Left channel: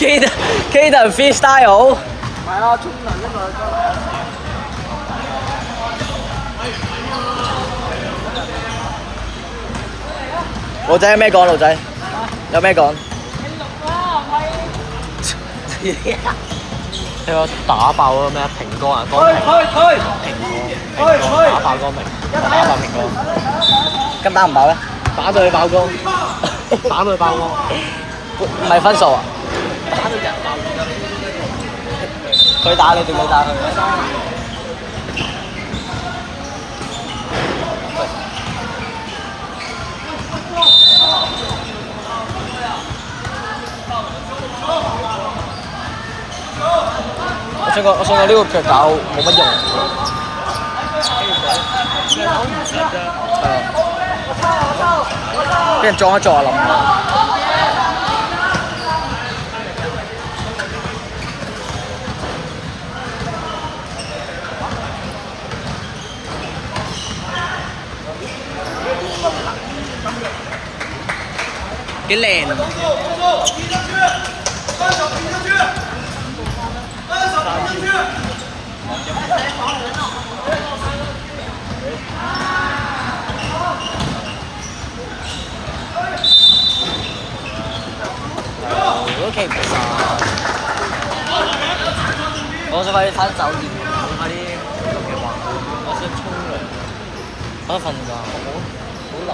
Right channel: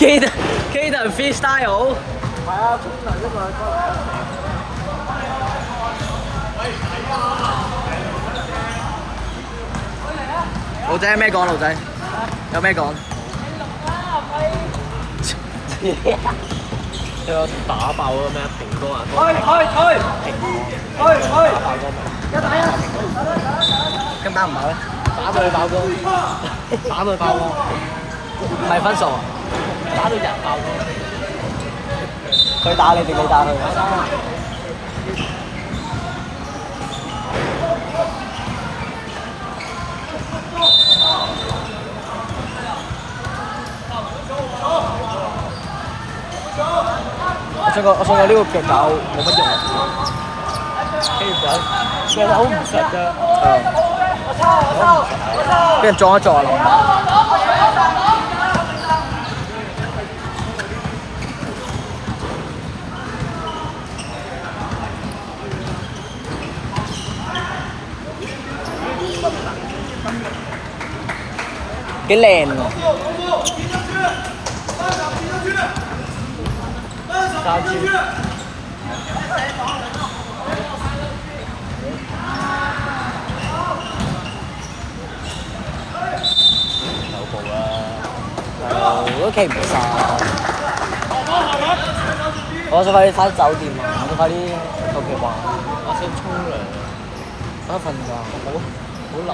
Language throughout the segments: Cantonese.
Kaden freestyle。係啊，沖涼啊嘛。路仔有咩講？路仔有咩講？你個打爆嗰個咩？蘋果啊，嗰個蘋果打爆嗰個打爆蘋果，咁打唔爆咧？打到佢爆光，打到佢爆光，唔係分數啊！佢打你定你打佢？我想講呢個腳搞冇乜用。其實好唔識啫。俾人撞一撞就冧啦。幾靚啊！都企唔晒，我想快啲翻酒店啊！我想快啲到期玩。我想沖涼，我想瞓覺。好冷。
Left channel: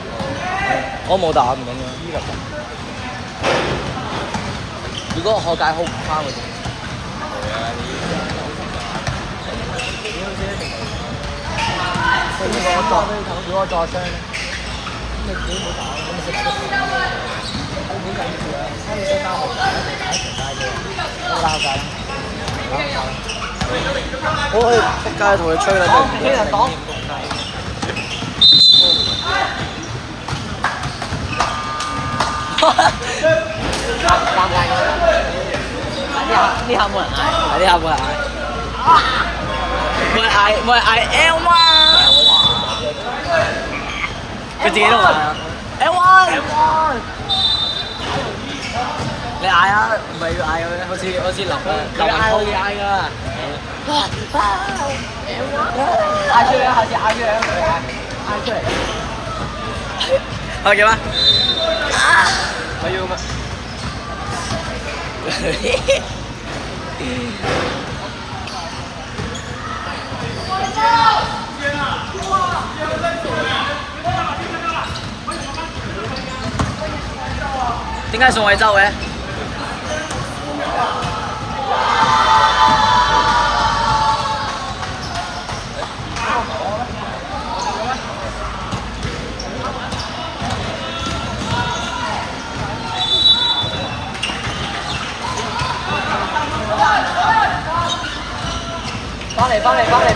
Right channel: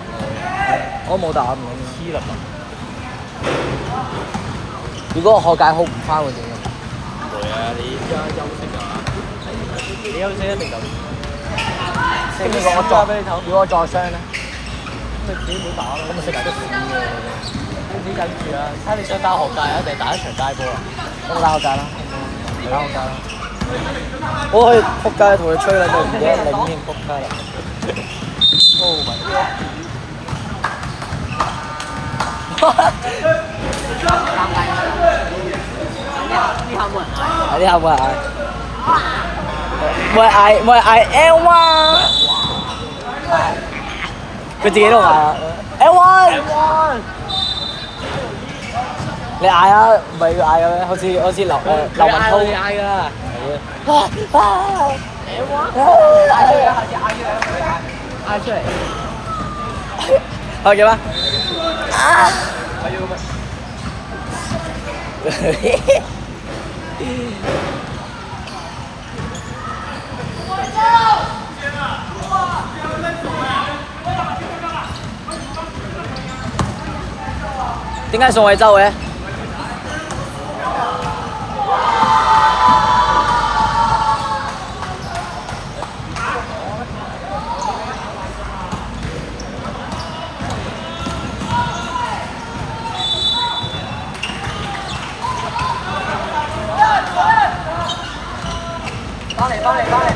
我冇打唔緊要。知啦。如果學界好唔翻會點？會啊！你而家休息就啱。你休息一定就。跟住我再俾你睇，如果我再傷，咁你自己冇打，咁你食埋都死嘅。你記住啊！睇你想打學界，一定打一場街波啊！咁撈界，我可以撲街同佢吹啦，就唔記得領添撲街。呢下冇人嗌。係呢下冇人嗌，冇人嗌 L1，佢自己都嗌啊 L1。你嗌啊，唔係要嗌嘅咩？好似劉文濤嗌㗎啦。嗌出嚟，下次嗌出嚟，嗌出嚟。係嘅咩？我要個。點解宋慧洲嘅？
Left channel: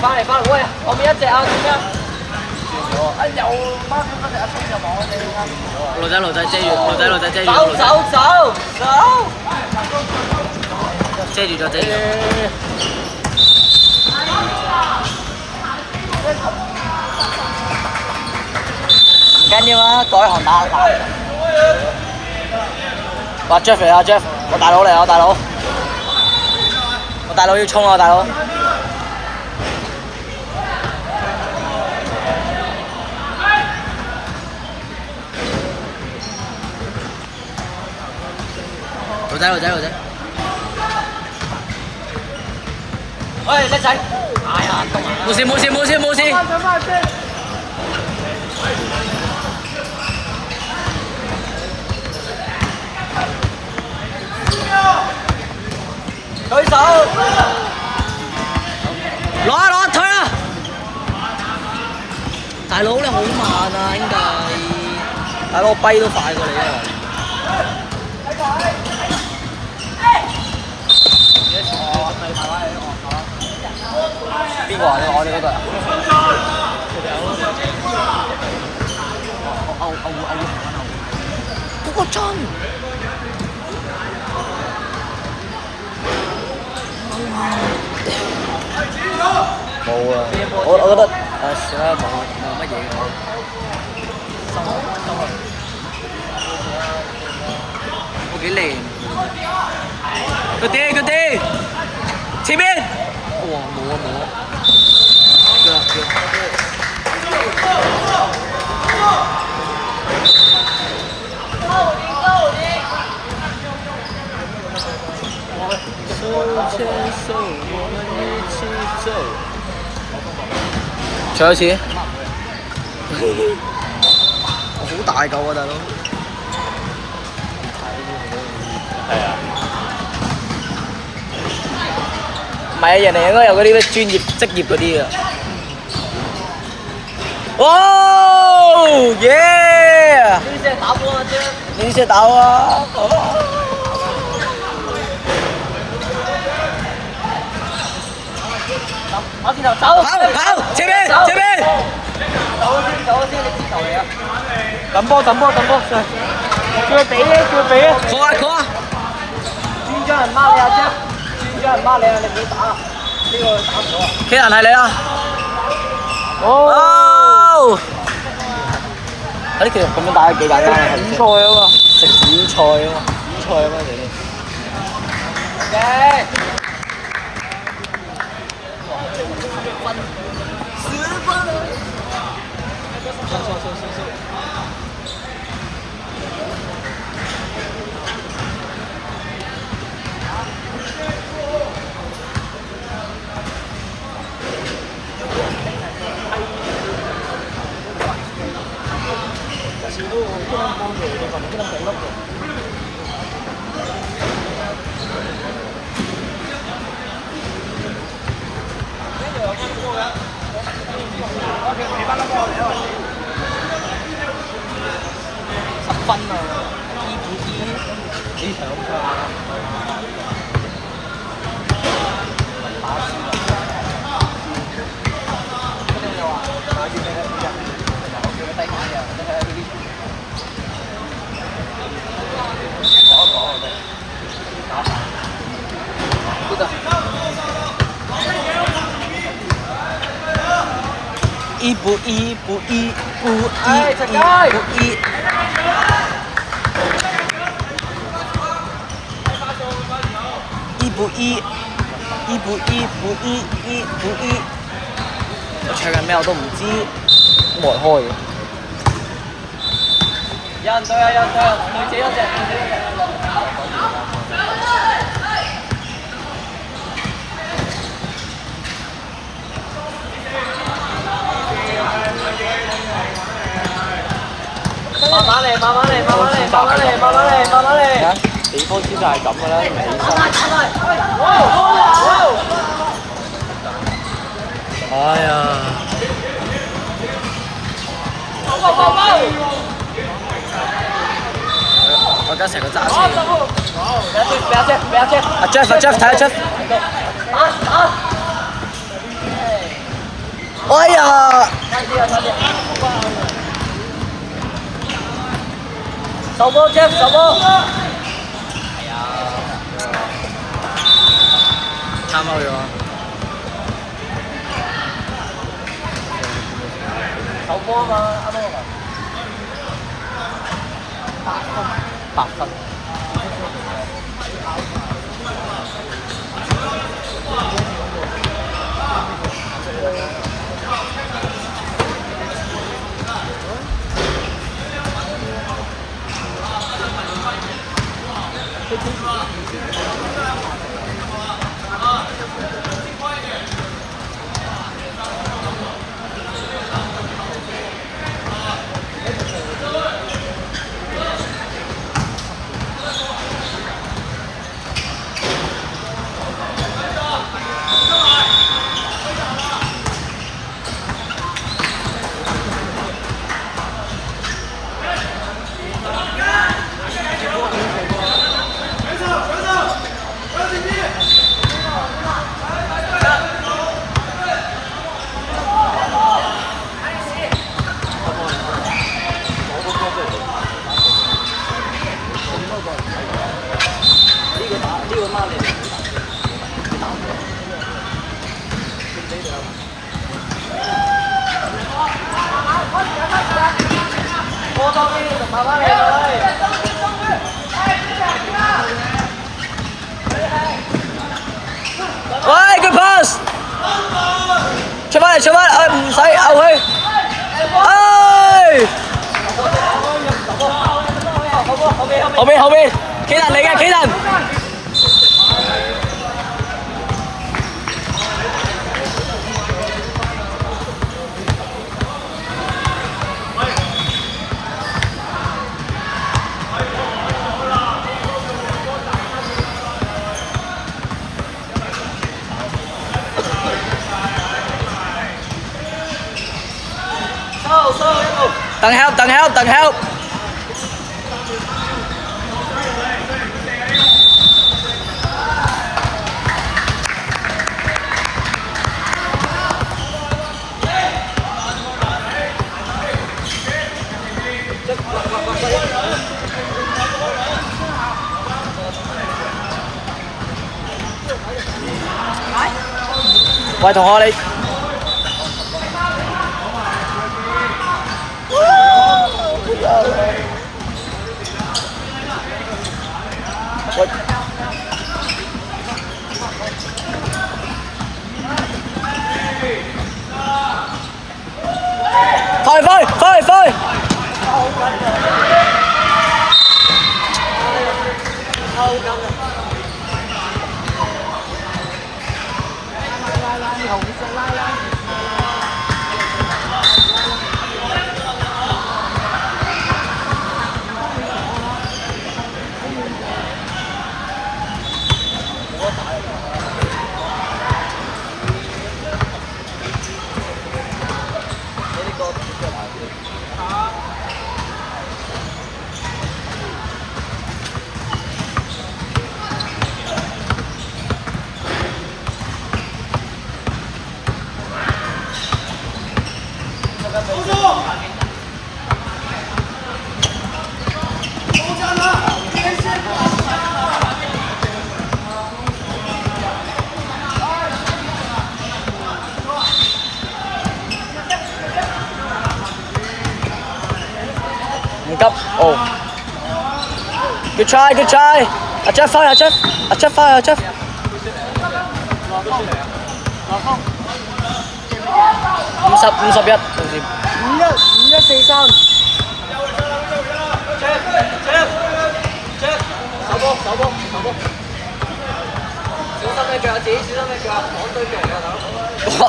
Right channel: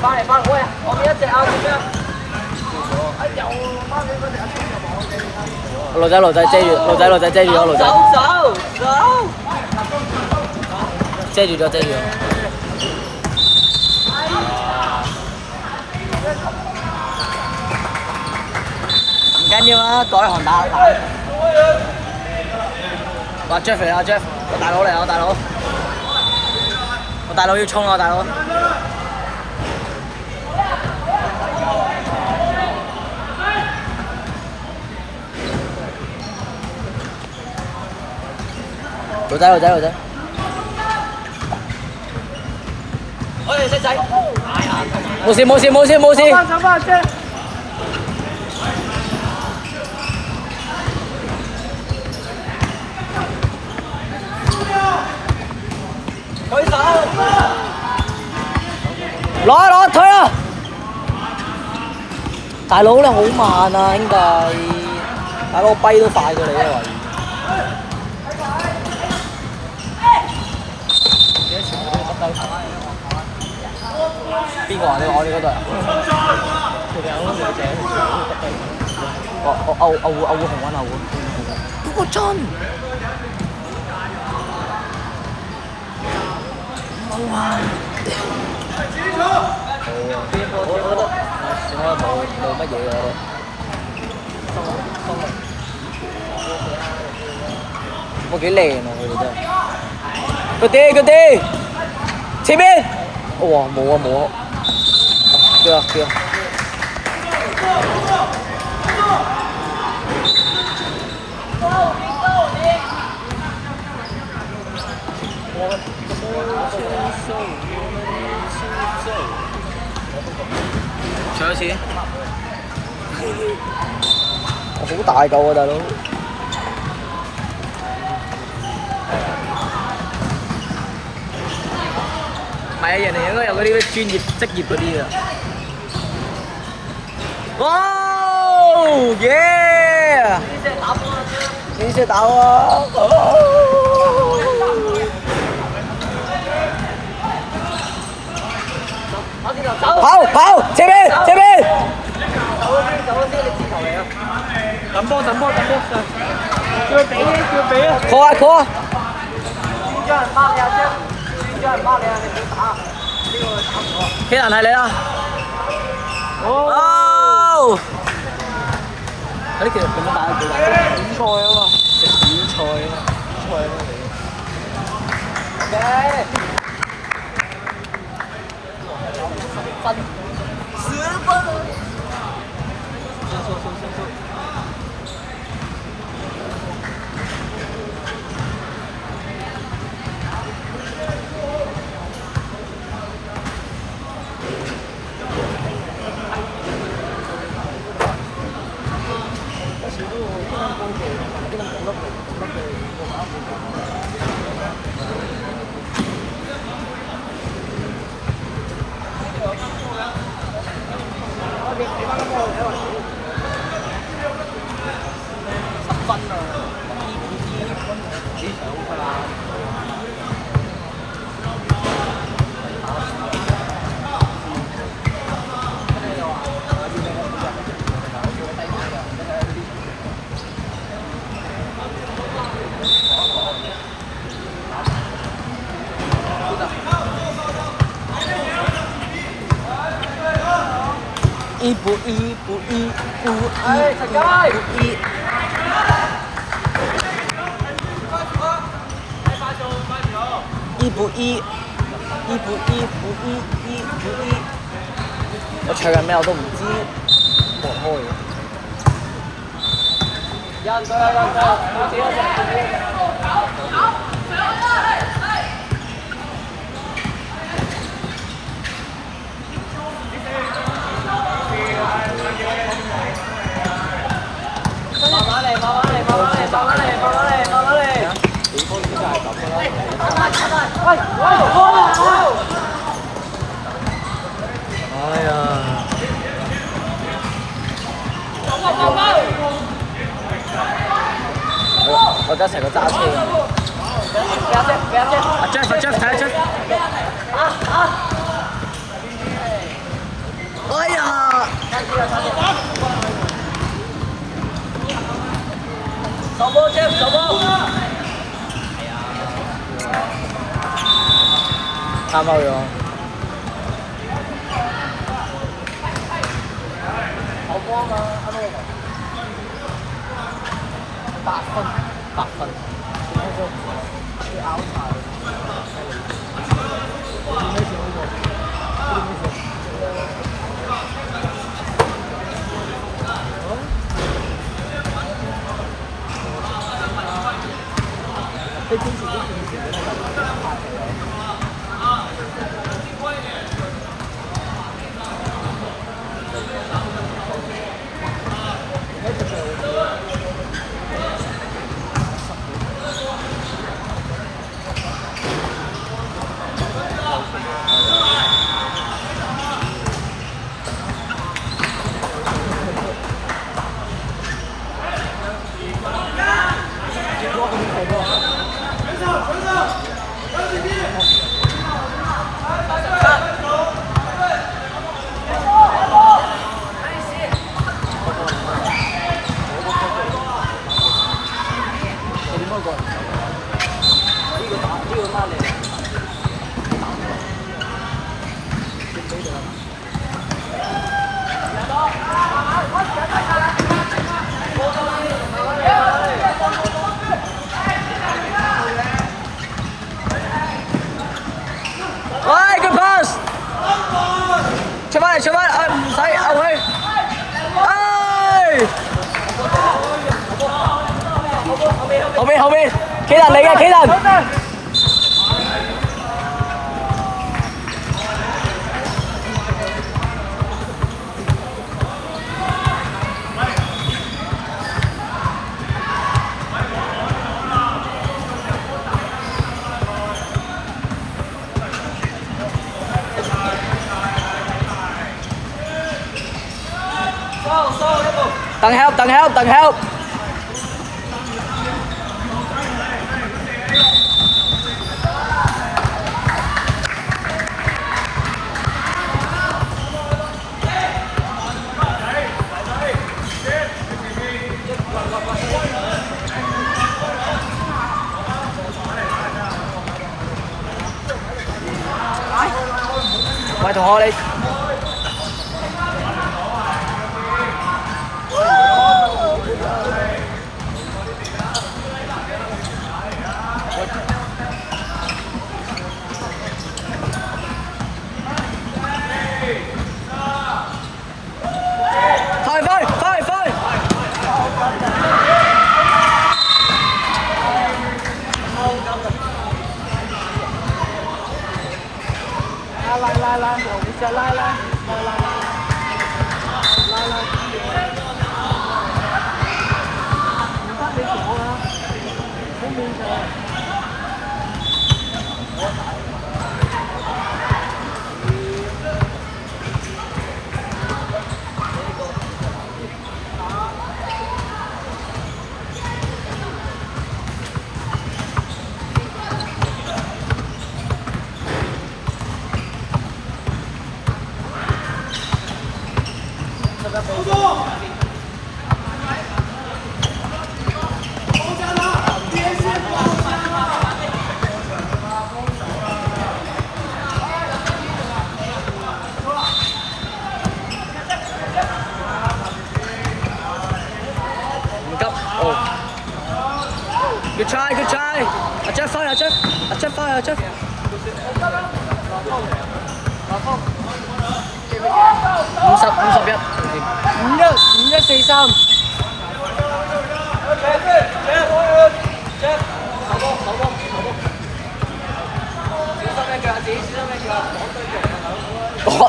翻嚟，喂，後面一隻啊，咁樣。又孖俾嗰隻阿聰就望我哋啦。路仔遮住，路仔遮住咗，路仔。走。遮住咗。唔緊要啦，改行打懶。話 Jeff 嚟啊 Jeff，我大佬嚟啊，我大佬要衝啊，大佬。路仔。喂，叻仔。哎呀，冇事。走翻先。舉手。攞推啊！大佬你好慢啊，兄弟。大佬我跛都快過你啊！邊個啊？你我哋嗰隊啊？我會紅溫啊！嗰個真冇啊！我覺得算啦，冇乜嘢嘅我覺得。我幾靚啊！我覺得。佢哋，前面，哇冇啊，對啊。唱多次，我好大嚿啊，大佬。唔係啊，人哋應該有嗰啲咩專業職業嗰啲啊。哦耶！你先打我啊！跑！前面！走先，你支球嚟啊！等波，叫俾啊！call啊！專家人孖你啊，你唔好打。呢個打唔到啊！企人係你啊！哦！呢其實咁樣打幾簡單啊！點菜啊嘛，食點菜啊嘛，10分啊！一步一，我唱緊咩我都唔知，冇人開嘅。有人對啊，自己都知。慢慢嚟。地方先係咁嘅哎呀！我而家成個揸車阿 Jeff 睇下 Jeff。哎呀！手波 Jeff 手波。係啊。參考咗。手波啊嘛。8分。Good pass！ 出翻嚟，出翻嚟，唔使勾佢。後邊，企人嚟嘅，企人。等 help。喂，同學你。喂，快！拉，後面再拉。急哦 ！Good try！ 阿 Jeff 翻，阿 Jeff 51，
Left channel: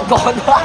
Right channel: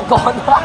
趕啦！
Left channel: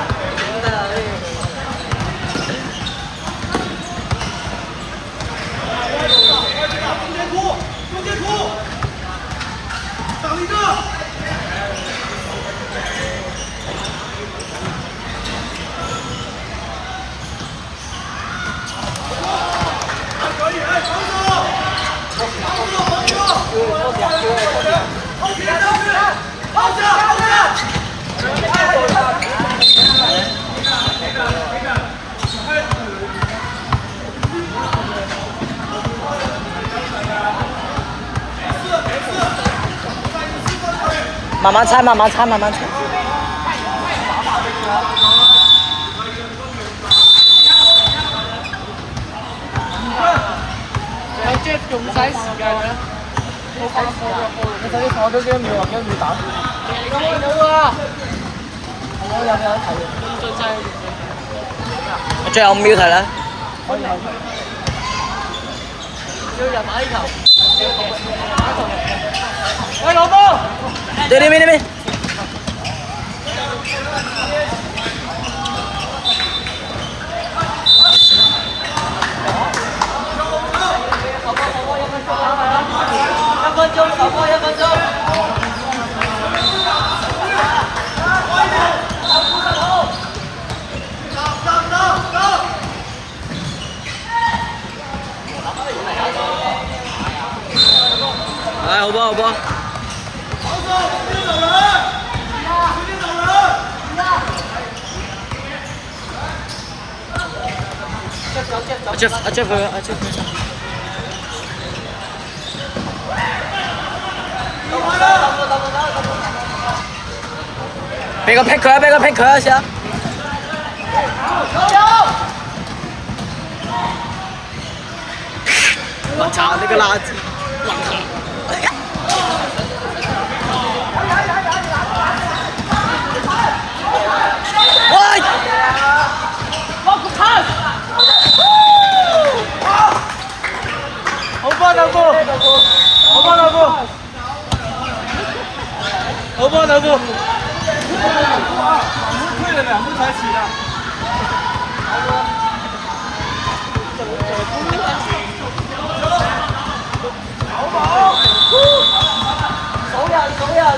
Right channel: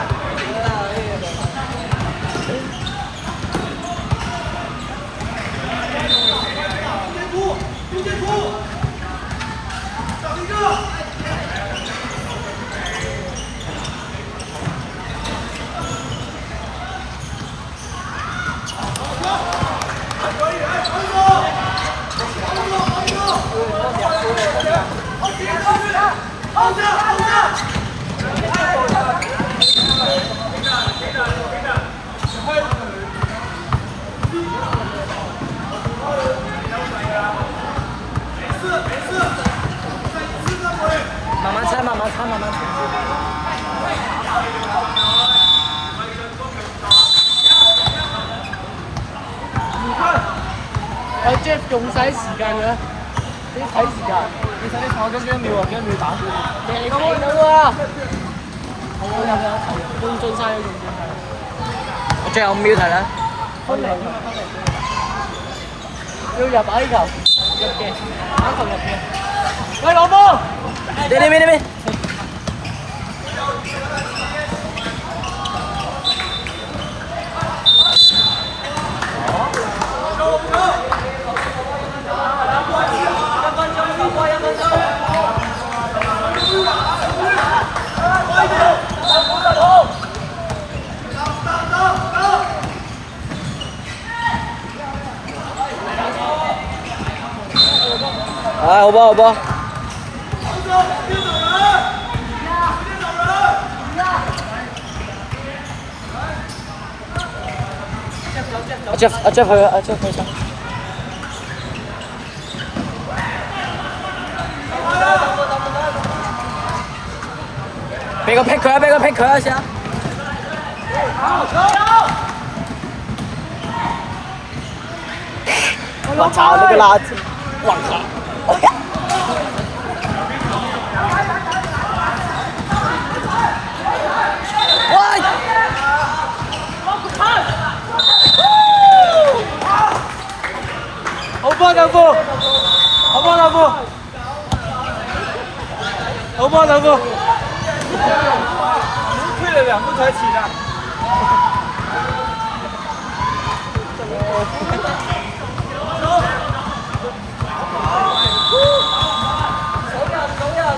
慢慢猜。有 Jeff 仲使時間嘅，你睇時間，你睇放咗幾多秒啊？幾多秒打斷？你咁冇啊？係啊，有睇啊？用盡晒佢用盡係。最後5秒睇啦。可以。要入矮球。喂，老波！對面。好波！阿 Jeff 去上。俾個 pick 佢先。我操！呢個垃圾！我靠！头部。退了2步才起来。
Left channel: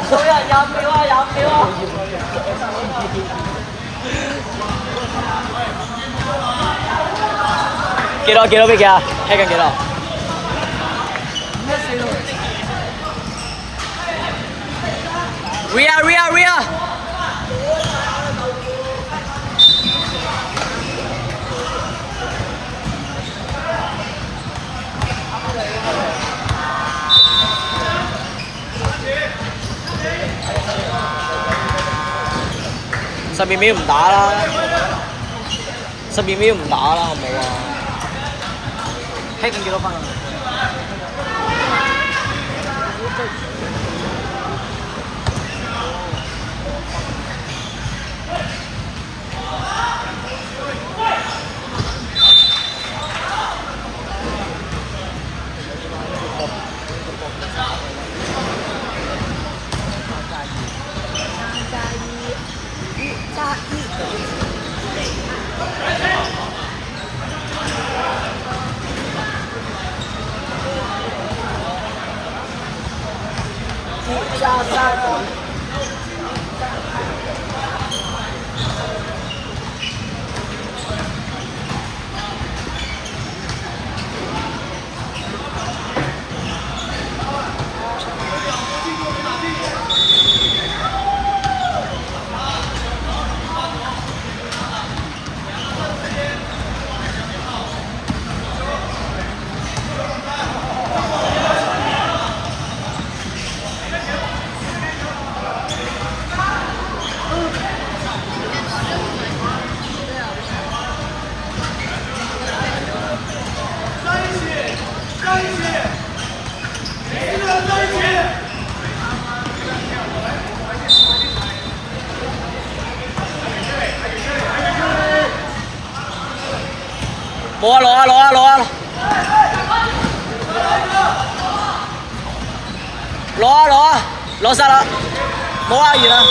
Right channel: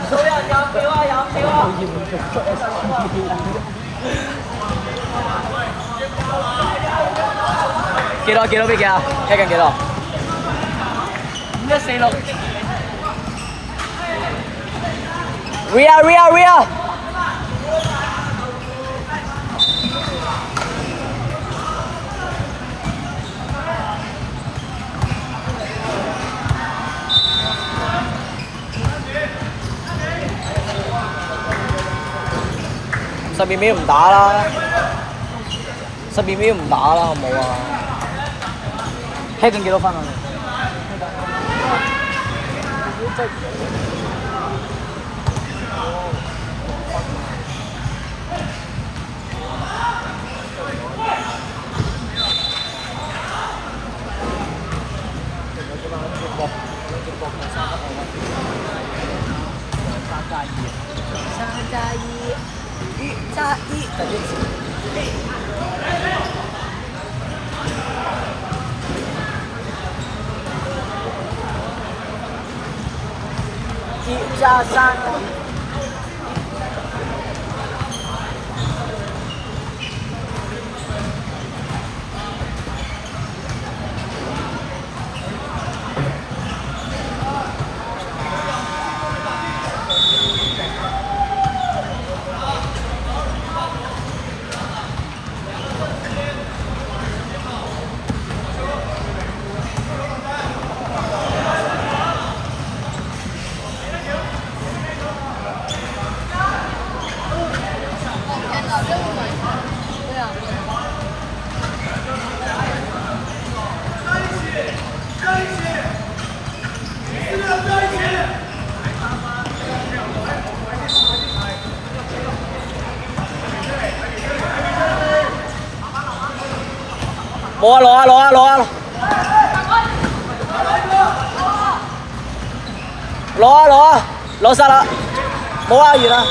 數人廿秒啊！幾多比幾啊？踢緊幾多5146。Ria！12秒唔打啦，12秒唔打啦，好冇啊？踢緊幾多分啊？1+3。冇啊，攞晒啦，冇啊，完啦。